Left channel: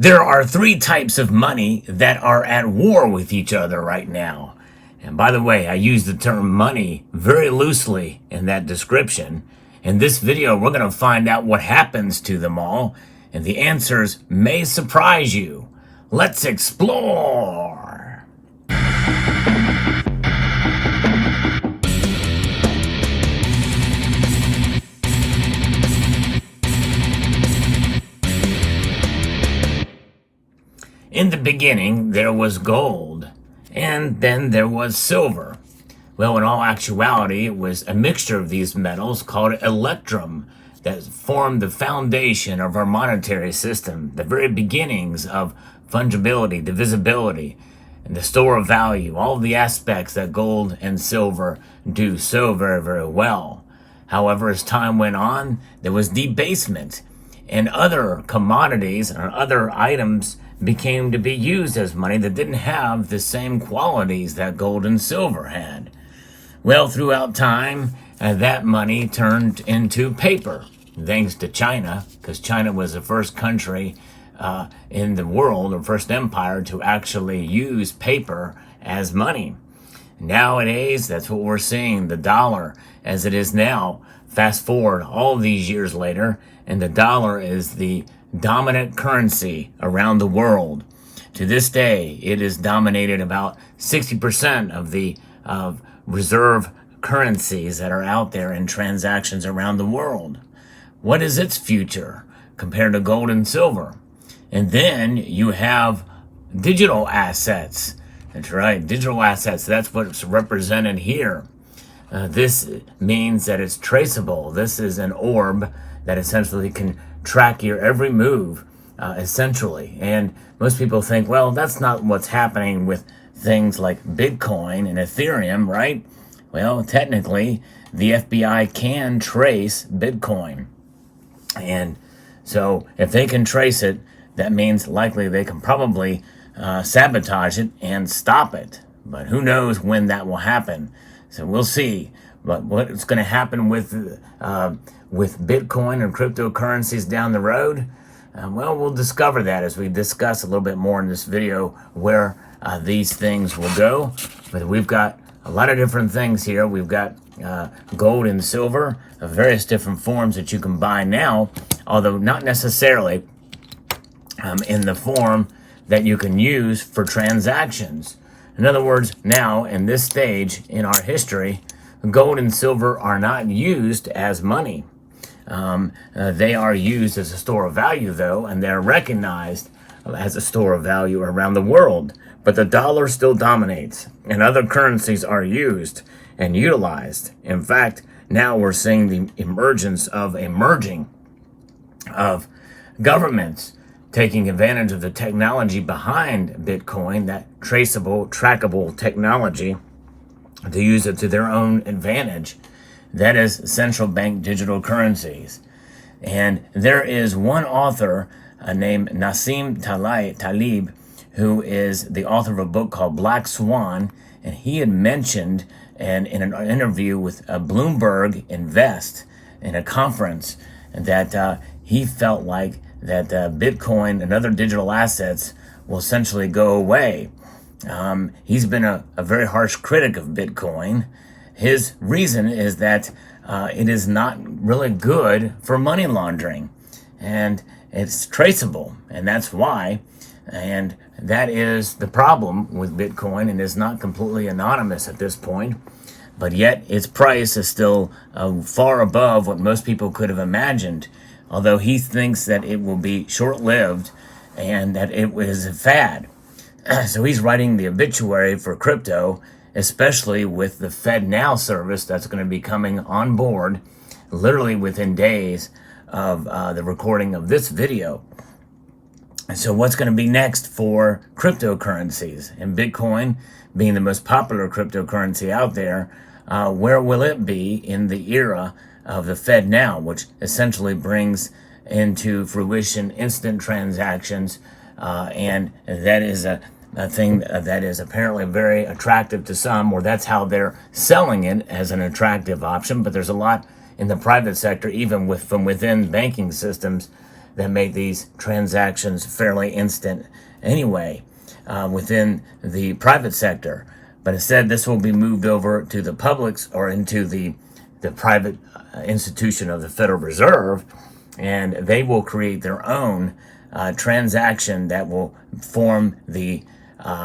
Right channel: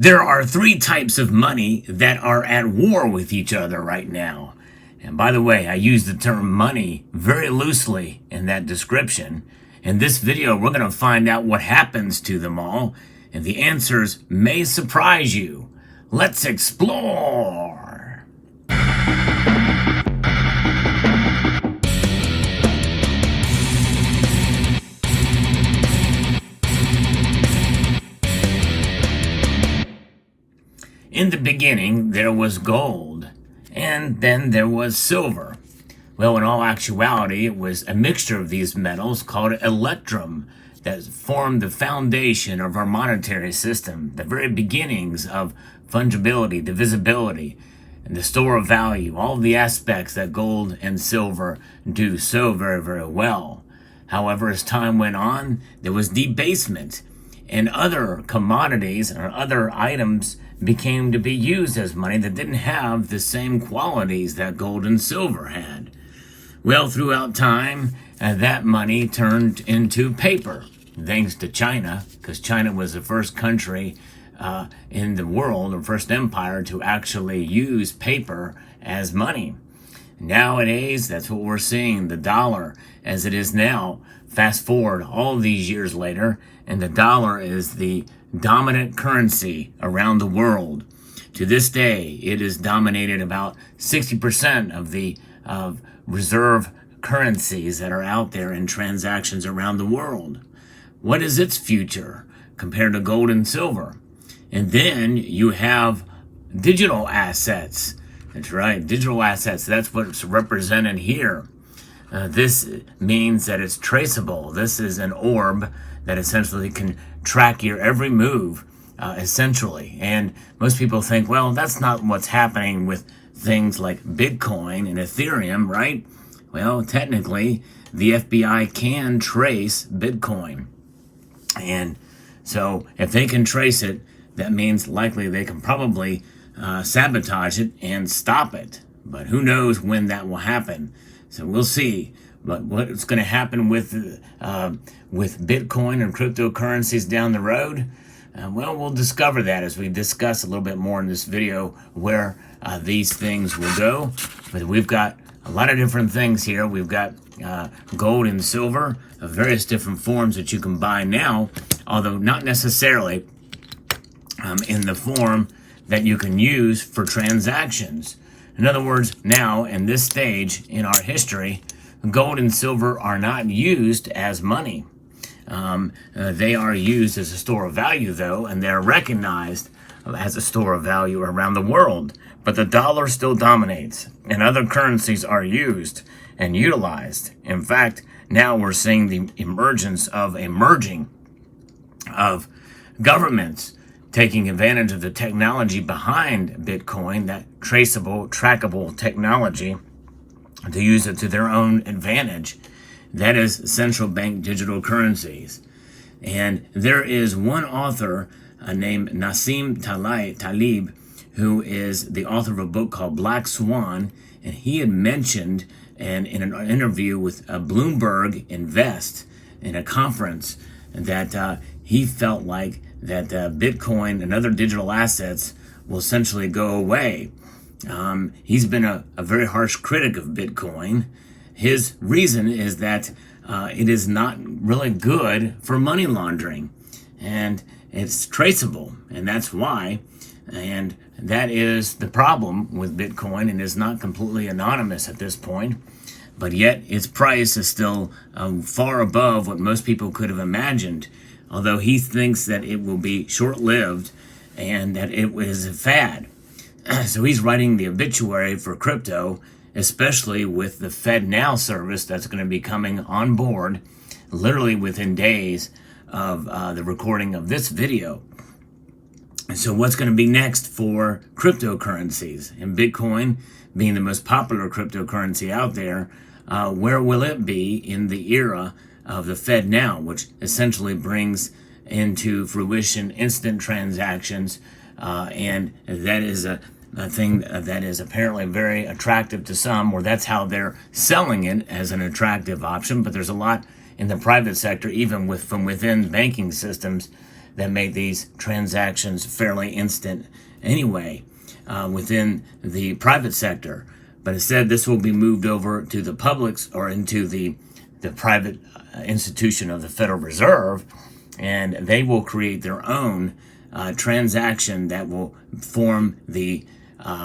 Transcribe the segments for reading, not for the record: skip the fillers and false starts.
There are three types of money that are at war with each other right now. And by the way, I use the term money very loosely in that description. In this video, we're going to find out what happens to them all, and the answers may surprise you. Let's explore. In the beginning, there was gold, and then there was silver. Well, in all actuality, it was a mixture of these metals called electrum that formed the foundation of our monetary system, the very beginnings of fungibility, divisibility, and the store of value, all the aspects that gold and silver do so very, very well. However, as time went on, there was debasement, and other commodities or other items became to be used as money that didn't have the same qualities that gold and silver had. Well, throughout time, that money turned into paper, thanks to China, because China was the first country in the world, or first empire, to actually use paper as money. Nowadays, that's what we're seeing, the dollar as it is now. Fast forward all these years later, and the dollar is the dominant currency around the world. To this day, it is dominated about 60% of the reserve currencies that are out there in transactions around the world. What is its future compared to gold and silver? And then you have digital assets. That's right, digital assets. That's what's represented here. This means that it's traceable. This is an orb that essentially can track your every move, essentially. And most people think, well, that's not what's happening with things like Bitcoin and Ethereum, right? Well, technically, the FBI can trace Bitcoin. And so if they can trace it, that means likely they can probably sabotage it and stop it. But who knows when that will happen? So we'll see. But what's going to happen with Bitcoin and cryptocurrencies down the road? Well, we'll discover that as we discuss a little bit more in this video where these things will go. But we've got a lot of different things here. We've got gold and silver of various different forms that you can buy now, although not necessarily in the form that you can use for transactions. In other words, now in this stage in our history, gold and silver are not used as money. They are used as a store of value, though, and they're recognized as a store of value around the world. But the dollar still dominates, and other currencies are used and utilized. In fact, now we're seeing the emergence of governments taking advantage of the technology behind Bitcoin, that traceable, trackable technology, to use it to their own advantage. That is central bank digital currencies. And there is one author named Nassim Taleb, who is the author of a book called Black Swan, and he had mentioned in an interview with Bloomberg Invest in a conference that he felt like that Bitcoin and other digital assets will essentially go away. He's been a very harsh critic of Bitcoin. His reason is that it is not really good for money laundering, and it's traceable, and that's why. And that is the problem with Bitcoin, and is not completely anonymous at this point, but yet its price is still far above what most people could have imagined, although he thinks that it will be short-lived and that it was a fad. So he's writing the obituary for crypto, especially with the FedNow service that's going to be coming on board literally within days of the recording of this video. So what's going to be next for cryptocurrencies? And Bitcoin being the most popular cryptocurrency out there, where will it be in the era of the FedNow, which essentially brings into fruition instant transactions, and that is a thing that is apparently very attractive to some, or that's how they're selling it as an attractive option. But there's a lot in the private sector, even from within banking systems, that make these transactions fairly instant anyway within the private sector. But instead, this will be moved over to the public's or into the private institution of the Federal Reserve, and they will create their own transaction that will form the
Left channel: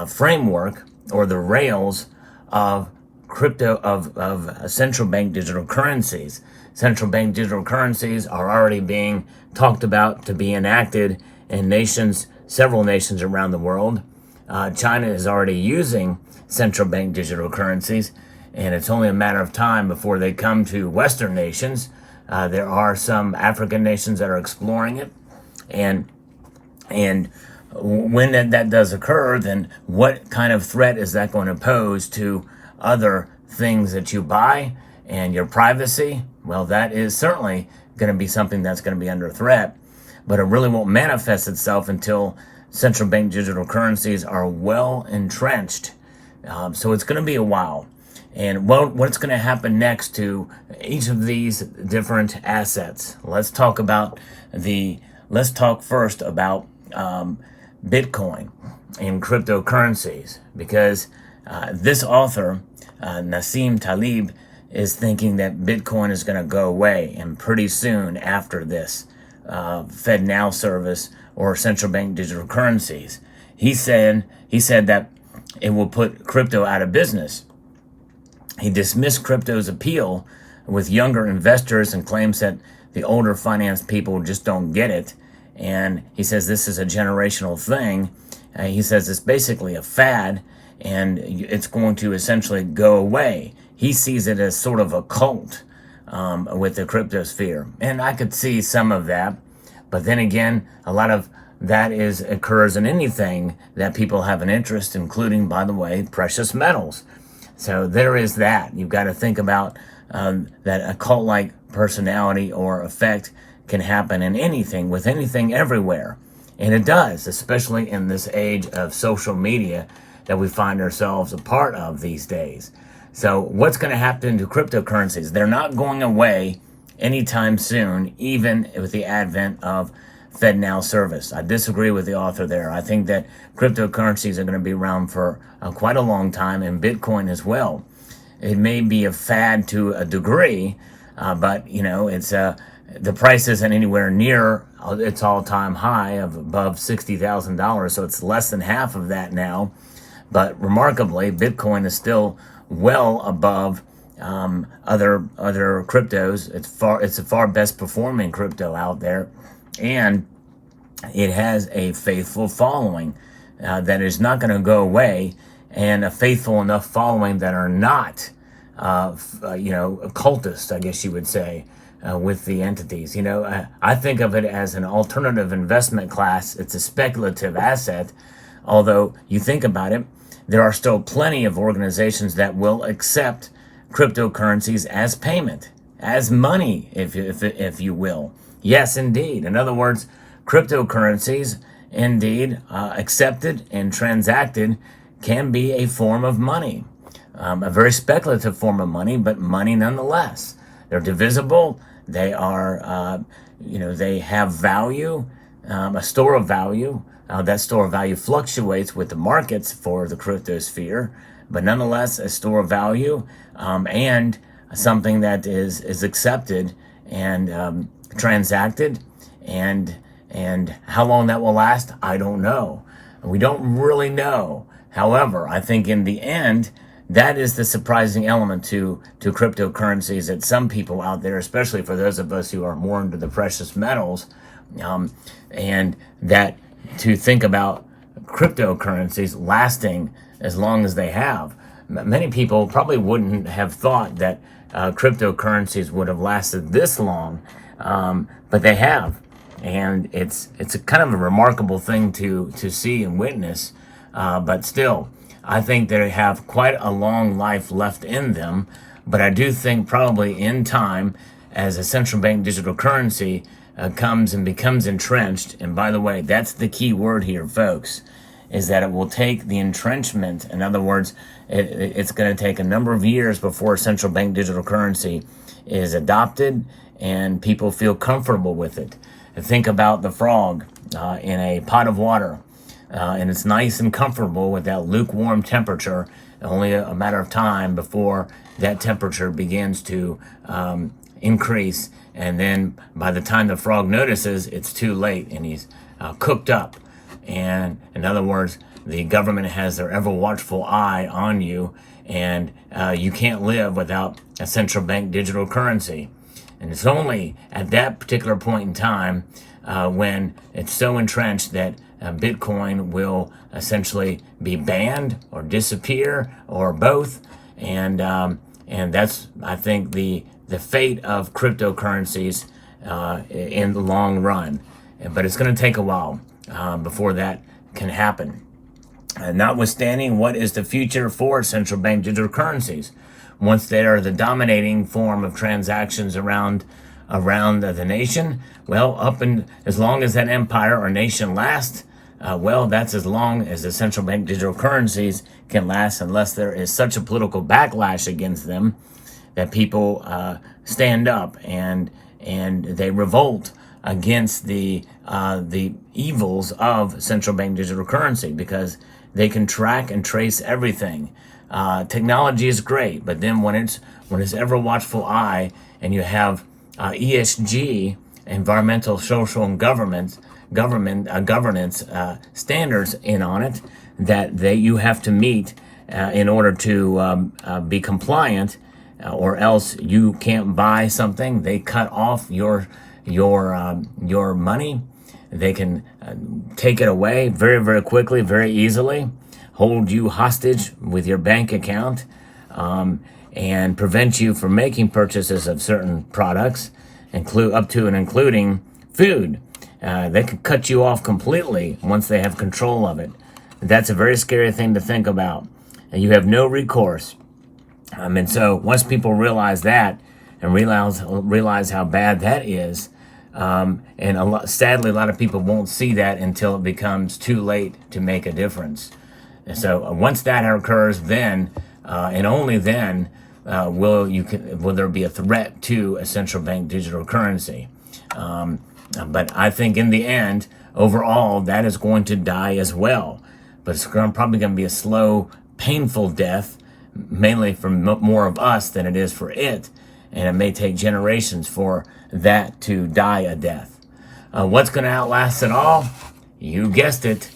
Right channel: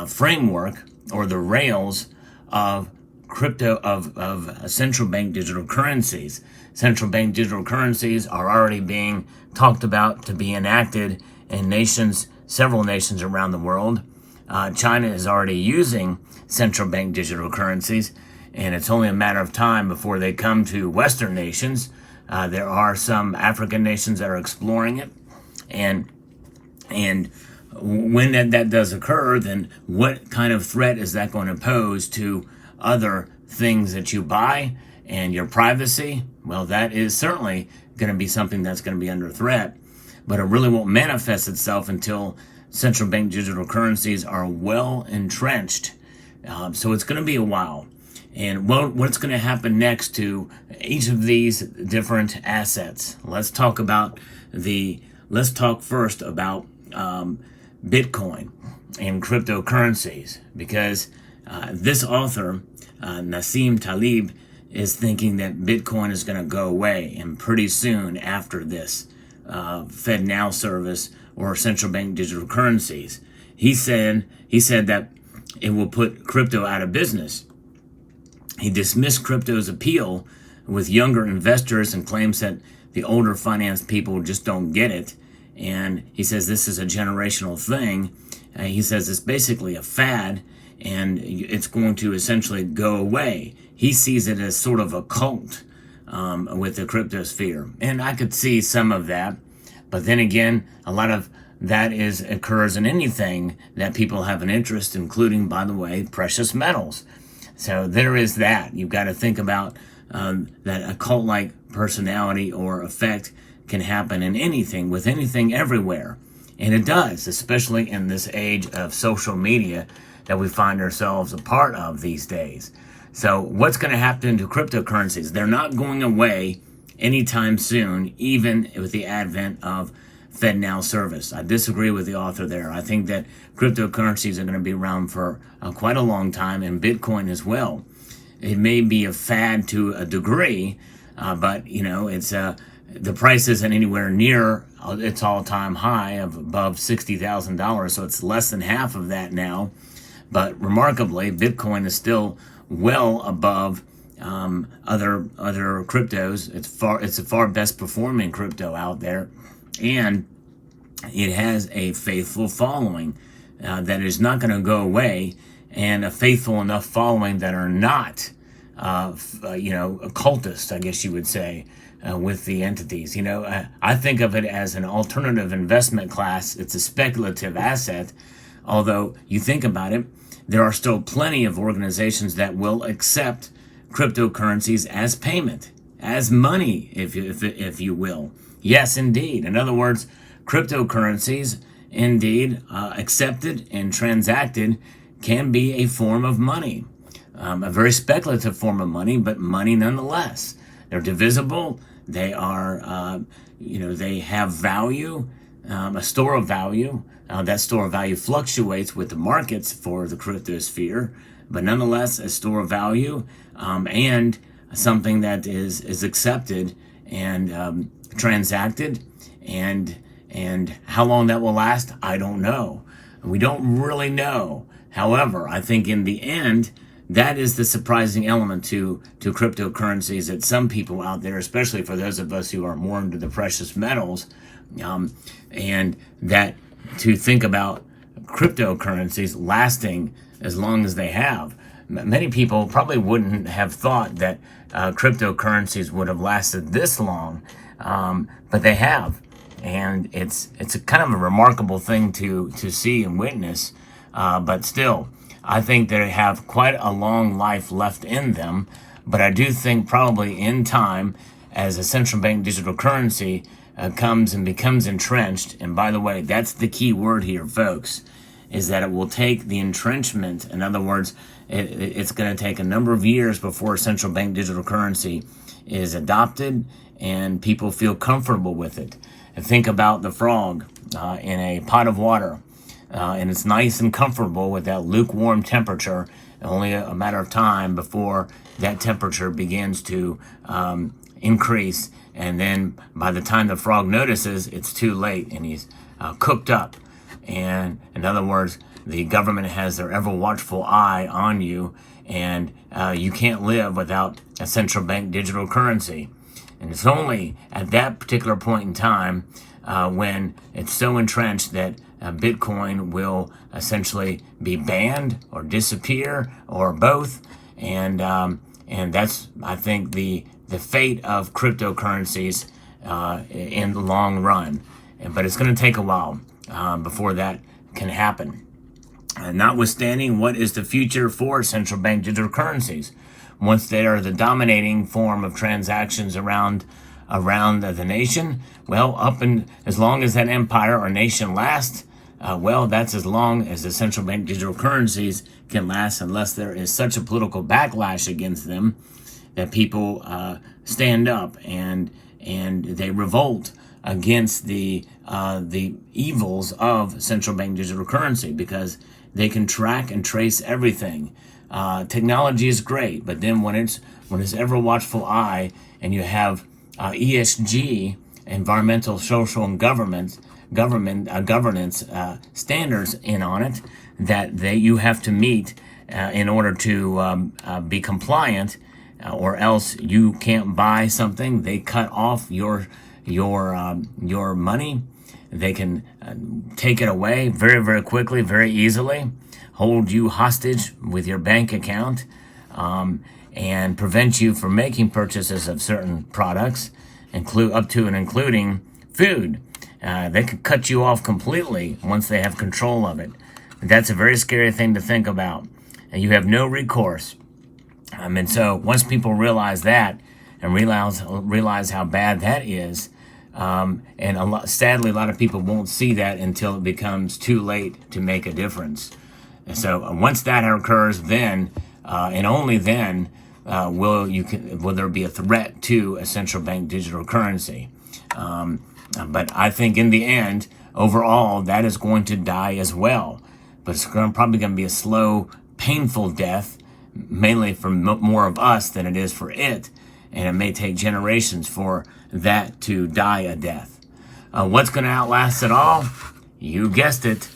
framework or the rails of crypto of central bank digital currencies. Central bank digital currencies are already being talked about to be enacted in several nations around the world. China is already using central bank digital currencies, and it's only a matter of time before they come to Western nations. There are some African nations that are exploring it, and when that does occur, then what kind of threat is that going to pose to other things that you buy and your privacy? Well, that is certainly going to be something that's going to be under threat, but it really won't manifest itself until central bank digital currencies are well entrenched. So it's going to be a while. And what's going to happen next to each of these different assets? Let's talk first about Bitcoin and cryptocurrencies, because this author, Nassim Taleb, is thinking that Bitcoin is going to go away, and pretty soon after this FedNow service or central bank digital currencies. He said that it will put crypto out of business. He dismissed crypto's appeal with younger investors and claims that the older finance people just don't get it. And he says this is a generational thing. He says it's basically a fad, and it's going to essentially go away. He sees it as sort of a cult with the cryptosphere. And I could see some of that. But then again, a lot of that occurs in anything that people have an interest, including, by the way, precious metals. So there is that. You've got to think about that a cult-like personality or effect can happen in anything, with anything everywhere. And it does, especially in this age of social media that we find ourselves a part of these days. So what's going to happen to cryptocurrencies? They're not going away anytime soon, even with the advent of FedNow service. I disagree with the author there. I think that cryptocurrencies are going to be around for quite a long time, and Bitcoin as well. It may be a fad to a degree, but it's the price isn't anywhere near its all-time high of above $60,000, so it's less than half of that now. But remarkably, Bitcoin is still well above other cryptos. It's the far best performing crypto out there, and it has a faithful following that is not going to go away, and a faithful enough following that are not occultists, I guess you would say, with the entities. I think of it as an alternative investment class. It's a speculative asset, although you think about it, there are still plenty of organizations that will accept cryptocurrencies as payment, as money, if you will. Yes, indeed. In other words, cryptocurrencies, indeed, accepted and transacted, can be a form of money, a very speculative form of money, but money nonetheless. They're divisible. They are, they have value, a store of value. That store of value fluctuates with the markets for the cryptosphere, but nonetheless, a store of value and something that is accepted and transacted, and how long that will last, I don't know. We don't really know. However, I think in the end, that is the surprising element to cryptocurrencies, that some people out there, especially for those of us who are more into the precious metals, and that to think about cryptocurrencies lasting as long as they have. Many people probably wouldn't have thought that cryptocurrencies would have lasted this long, but they have. And it's a kind of a remarkable thing to see and witness, but still, I think they have quite a long life left in them. But I do think probably in time, as a central bank digital currency comes and becomes entrenched, and by the way, that's the key word here, folks, is that it will take the entrenchment. In other words, it's going to take a number of years before central bank digital currency is adopted and people feel comfortable with it. think about the frog in a pot of water, and it's nice and comfortable with that lukewarm temperature. Only a matter of time before that temperature begins to increase, and then by the time the frog notices, it's too late and he's cooked up. And in other words, the government has their ever watchful eye on you, and you can't live without a central bank digital currency. And it's only at that particular point in time when it's so entrenched that Bitcoin will essentially be banned or disappear or both. And that's, I think, the fate of cryptocurrencies in the long run. But it's going to take a while before that can happen. Notwithstanding, what is the future for central bank digital currencies? Once they are the dominating form of transactions around the nation, well, up and as long as that empire or nation lasts, well, that's as long as the central bank digital currencies can last, unless there is such a political backlash against them that people stand up and they revolt against the evils of central bank digital currency, because they can track and trace everything. Technology is great, but then when it's ever watchful eye, and you have ESG, environmental, social, and governance standards in on it that you have to meet in order to be compliant, or else you can't buy something. They cut off your money. They can take it away very, very quickly, very easily, hold you hostage with your bank account, and prevent you from making purchases of certain products, up to and including food. They can cut you off completely once they have control of it. That's a very scary thing to think about, and you have no recourse. And so once people realize that and realize how bad that is, and sadly, a lot of people won't see that until it becomes too late to make a difference. And so once that occurs, then and only then will there be a threat to a central bank digital currency. But I think in the end, overall, that is going to die as well. But it's probably going to be a slow, painful death, mainly for more of us than it is for it. And it may take generations for that to die a death. What's going to outlast it all? You guessed it,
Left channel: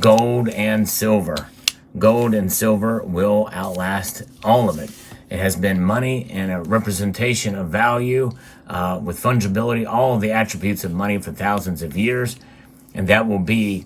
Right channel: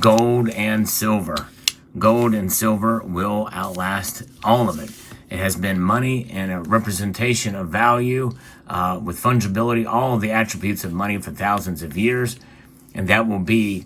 gold and silver. Gold and silver will outlast all of it. It has been money and a representation of value with fungibility, all of the attributes of money for thousands of years. And that will be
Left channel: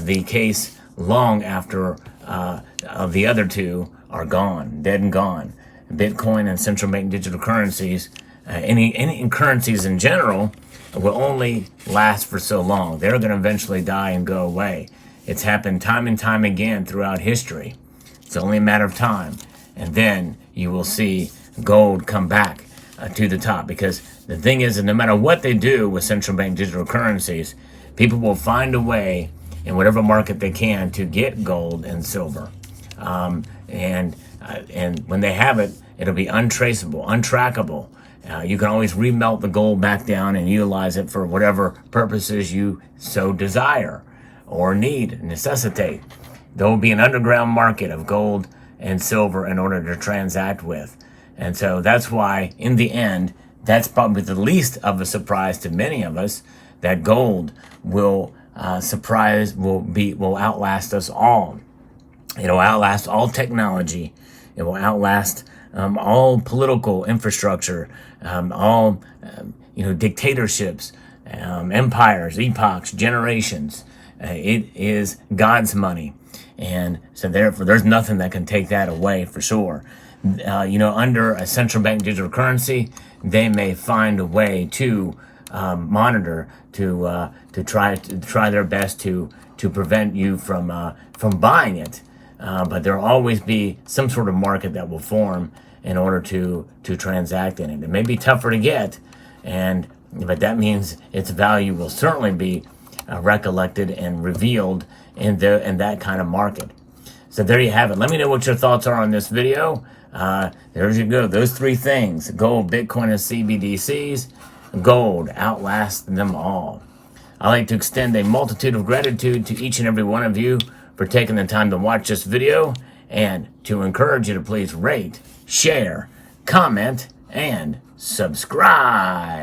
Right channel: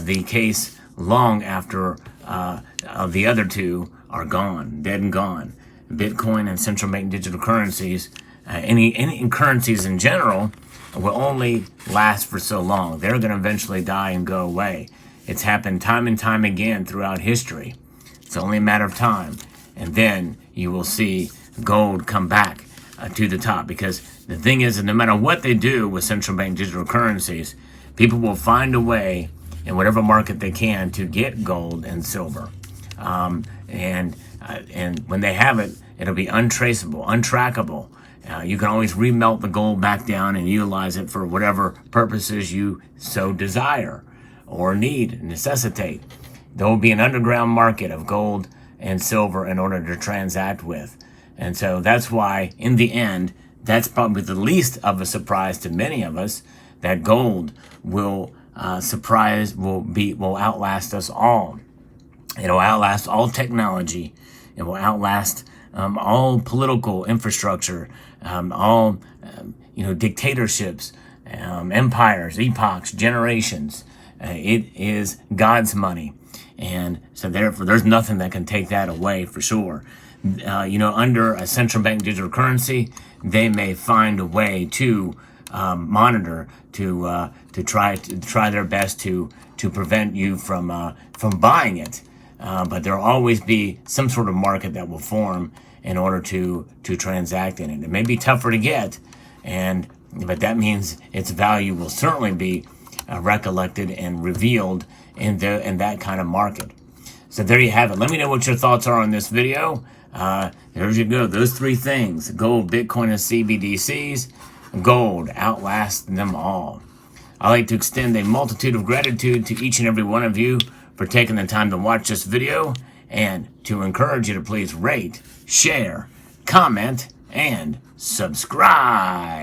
the case long after the other two are gone, dead and gone. Bitcoin and central bank digital currencies, any currencies in general, will only last for so long. They're going to eventually die and go away. It's happened time and time again throughout history. It's only a matter of time. And then you will see gold come back to the top. Because the thing is that no matter what they do with central bank digital currencies, people will find a way in whatever market they can to get gold and silver. And when they have it, it'll be untraceable, untrackable. You can always remelt the gold back down and utilize it for whatever purposes you so desire or necessitate. There will be an underground market of gold and silver in order to transact with. And so that's why, in the end, that's probably the least of a surprise to many of us, that gold will outlast us all. It'll outlast all technology. It will outlast all political infrastructure, all dictatorships, empires, epochs, generations. It is God's money, and so therefore there's nothing that can take that away for sure. Under a central bank digital currency, they may find a way to monitor, to try their best to prevent you from buying it. But there will always be some sort of market that will form in order to transact in it. It may be tougher to get, but that means its value will certainly be recollected and revealed in that kind of market. So there you have it. Let me know what your thoughts are on this video. There you go. Those three things: gold, Bitcoin, and CBDCs. Gold outlasts them all. I'd like to extend a multitude of gratitude to each and every one of you for taking the time to watch this video, and to encourage you to please rate, share, comment, and subscribe.